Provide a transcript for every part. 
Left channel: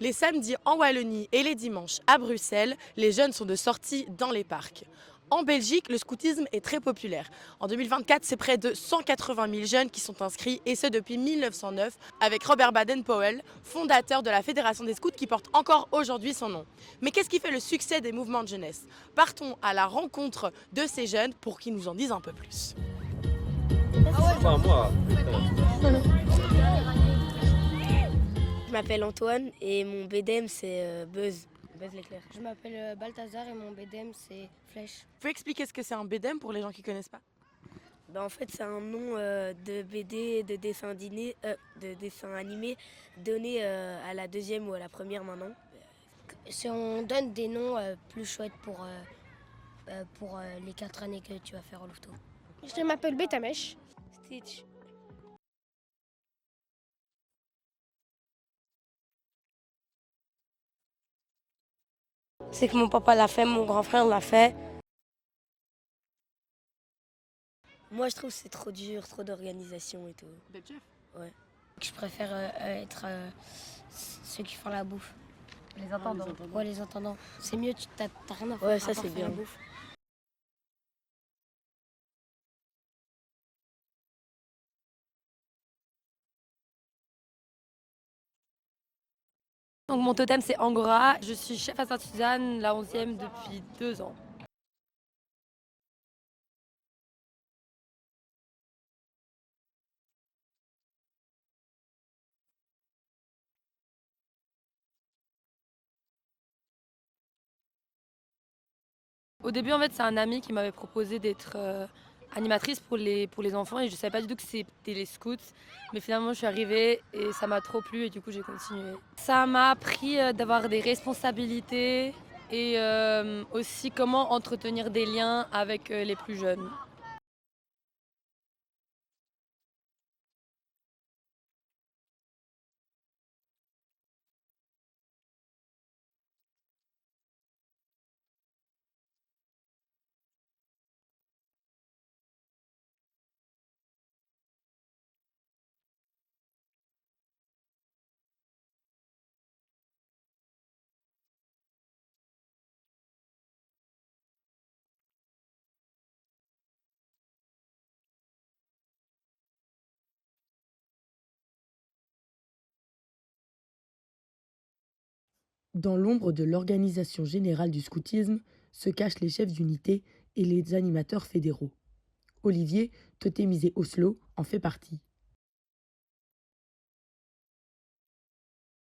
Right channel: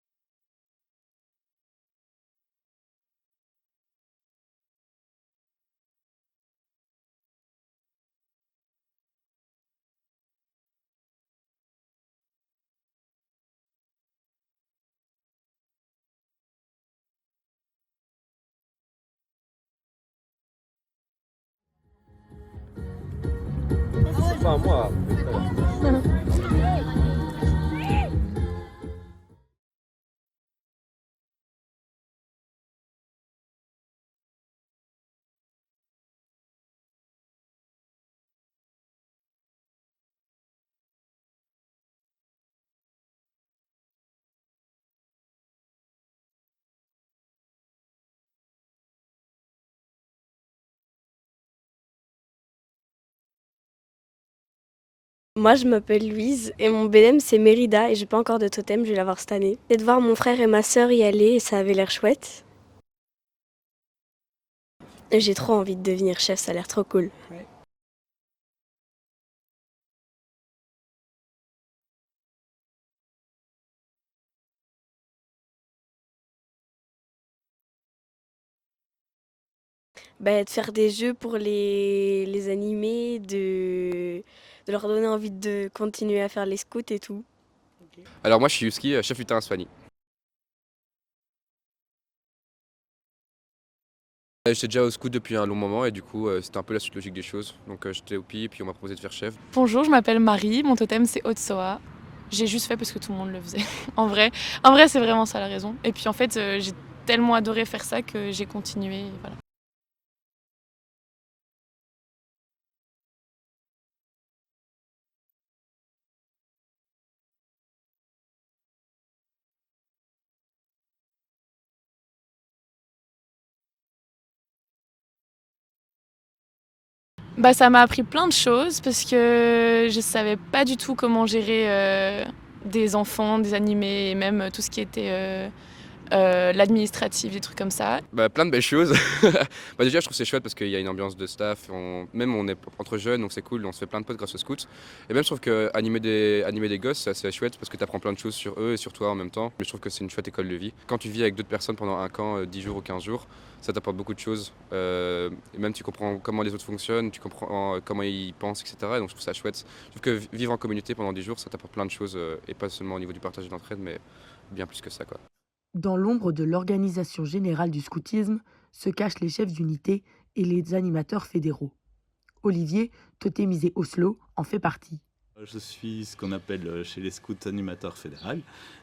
Les samedis en Wallonie et les dimanches à Bruxelles, les jeunes sont de sortie dans les parcs. En Belgique, le scoutisme est très populaire. En 2024, c'est près de 180 000 jeunes qui sont inscrits, et ce depuis 1909, avec Robert Baden-Powell, fondateur de la Fédération des scouts qui porte encore aujourd'hui son nom. Mais qu'est-ce qui fait le succès des mouvements de jeunesse? Partons à la rencontre de ces jeunes pour qu'ils nous en disent un peu plus. Enfin, moi. Je m'appelle Antoine et mon BDM c'est Buzz l'éclair. Je m'appelle Balthazar et mon BDM c'est Flèche. Vous pouvez expliquer ce que c'est un BDM pour les gens qui ne connaissent pas? En fait c'est un nom de BD, de dessin animé donné à la deuxième ou à la première maintenant. On donne des noms plus chouettes pour les 4 années que tu vas faire au Louveteau. Je m'appelle Betamesh. Stitch. Moi je m'appelle Louise et mon BDM c'est Mérida et j'ai pas encore de totem, je vais l'avoir cette année. C'est de voir mon frère et ma sœur y aller et ça avait l'air chouette. C'est que mon papa l'a fait, mon grand frère l'a fait. Et j'ai trop envie de devenir chef, ça a l'air trop cool. Ouais. Moi je trouve que c'est trop dur, trop d'organisation et tout. D'être chef? Ouais. Je préfère être ceux qui font la bouffe. Les intendants. Ouais, les intendants. C'est mieux, t'as rien à faire. Ouais, ça à part c'est faire la bien. bouffe. De faire des jeux pour les animer, de leur donner envie de continuer à faire les scouts et tout. Alors moi je suis Yuski, chef lutin à Soigny. Donc mon totem c'est Angora, je suis chef à Sainte-Suzanne, la 11e depuis 2 ans. J'étais déjà au scout depuis un long moment et du coup c'était un peu la suite logique des choses. Donc j'étais au PI et puis on m'a proposé de faire chef. Bonjour, je m'appelle Marie, mon totem c'est Otsoa. J'ai juste fait parce que tout le monde le faisait. En vrai c'est vraiment ça la raison. Et puis en fait, j'ai tellement adoré faire ça que j'ai continué. Voilà. Au début en fait c'est un ami qui m'avait proposé d'être animatrice pour les enfants et je savais pas du tout que c'était les scouts. Mais finalement je suis arrivée et ça m'a trop plu et du coup j'ai continué. Ça m'a appris d'avoir des responsabilités et aussi comment entretenir des liens avec les plus jeunes. Ça m'a appris plein de choses parce que je savais pas du tout comment gérer des enfants, des animés et même tout ce qui était l'administratif, des trucs comme ça. Plein de belles choses. Déjà je trouve que c'est chouette parce qu'il y a une ambiance de staff, même on est entre jeunes donc c'est cool, on se fait plein de potes grâce aux scouts. Et même je trouve que animer des gosses c'est assez chouette parce que tu apprends plein de choses sur eux et sur toi en même temps. Mais je trouve que c'est une chouette école de vie. Quand tu vis avec d'autres personnes pendant un camp, 10 jours ou 15 jours, ça t'apporte beaucoup de choses. Et même tu comprends comment les autres fonctionnent, tu comprends comment ils pensent, etc. Et donc je trouve ça chouette. Je trouve que vivre en communauté pendant 10 jours ça t'apporte plein de choses et pas seulement au niveau du partage et de l'entraide mais bien plus que ça quoi. Dans l'ombre de l'organisation générale du scoutisme se cachent les chefs d'unité et les animateurs fédéraux. Olivier, totémisé Oslo, en fait partie. Je suis ce qu'on appelle chez les scouts animateur fédéral.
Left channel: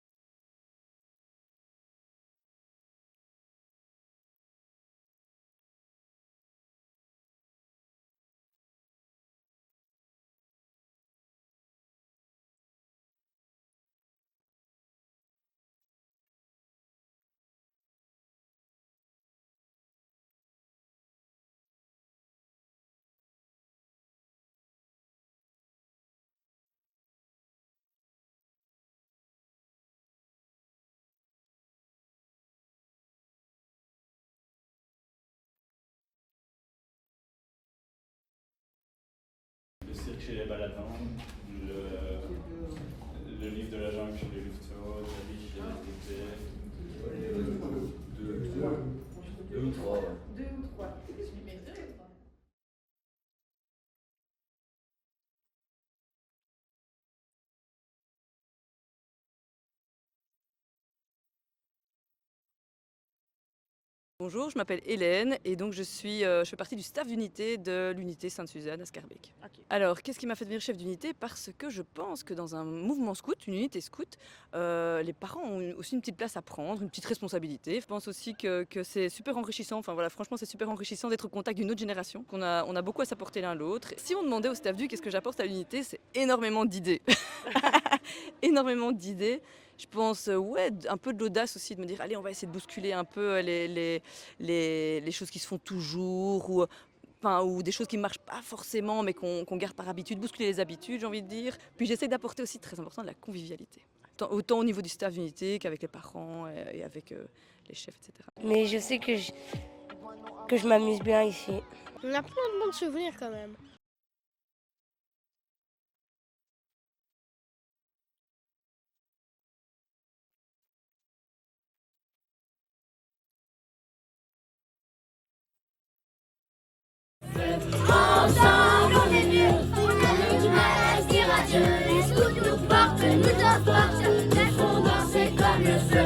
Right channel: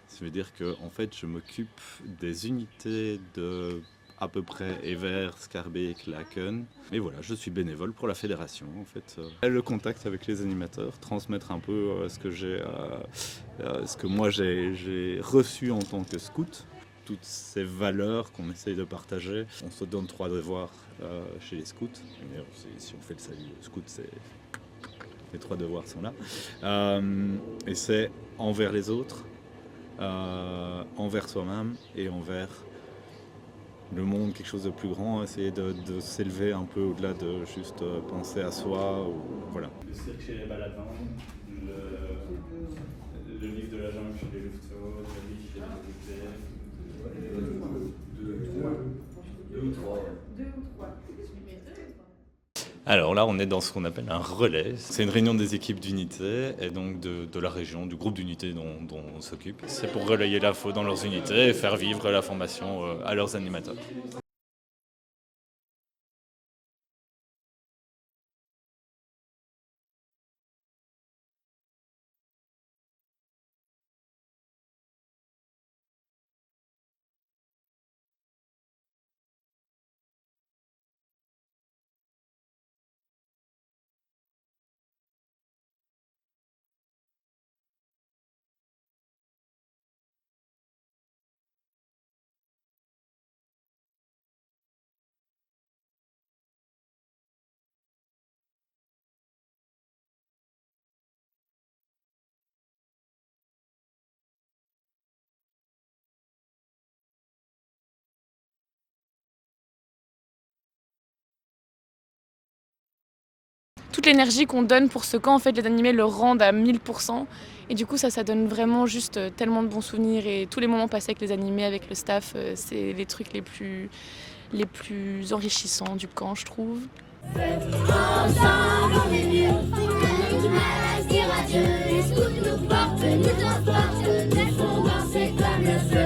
Ça veut dire que en fait, je m'occupe des unités de à peu près Evere, Schaerbeek, Laken. Et voilà, je suis bénévole pour la fédération en fait. Le contact avec les animateurs, transmettre un peu ce que moi j'ai reçu en tant que scout. Toutes ces valeurs qu'on essaye de partager. On se donne 3 devoirs chez les scouts. Si on fait le salut scout, les 3 devoirs sont là. Et c'est envers les autres, envers soi-même et envers le monde, quelque chose de plus grand, essayer de s'élever un peu au-delà de juste penser à soi. Voilà. Le cirque chez les baladins, le livre de la jungle chez les louveteaux, le livre chez les louveteaux. Deux ou trois. Alors là, on est dans ce qu'on appelle un relais. C'est une réunion des équipes d'unité et donc de la région, du groupe d'unités dont on s'occupe. C'est pour relayer l'info dans leurs unités et faire vivre la formation à leurs animateurs. Bonjour, je m'appelle Hélène et donc je fais partie du staff d'unité de l'unité Sainte-Suzanne à Schaerbeek. Okay. Alors, qu'est-ce qui m'a fait devenir chef d'unité? Parce que je pense que dans un mouvement scout, une unité scout, les parents ont aussi une petite place à prendre, une petite responsabilité. Je pense aussi que c'est super enrichissant. Enfin voilà, franchement, c'est super enrichissant d'être au contact d'une autre génération. On a beaucoup à s'apporter l'un l'autre. Si on demandait au staff qu'est-ce que j'apporte à l'unité, c'est énormément d'idées. Énormément d'idées. Je pense, un peu de l'audace aussi, de me dire, allez, on va essayer de bousculer un peu les choses qui se font toujours, ou des choses qui ne marchent pas forcément, mais qu'on garde par habitude, bousculer les habitudes, j'ai envie de dire. Puis j'essaie d'apporter aussi, très important, de la convivialité. Autant au niveau du staff d'unité qu'avec les parents et avec les chefs, etc. Mais je sais que je m'amuse bien ici. On a plein de bons souvenirs quand même. toute l'énergie qu'on donne pour ce camp, en fait, les animés le rendent à 1000%. Et du coup, ça donne vraiment juste tellement de bons souvenirs. Et tous les moments passés avec les animés, avec le staff, c'est les trucs les plus enrichissants du camp, je trouve. Ensemble, on est mieux. On est du mal à se dire adieu. Les scouts nous portent, nous apportent. Nous font danser comme le feu.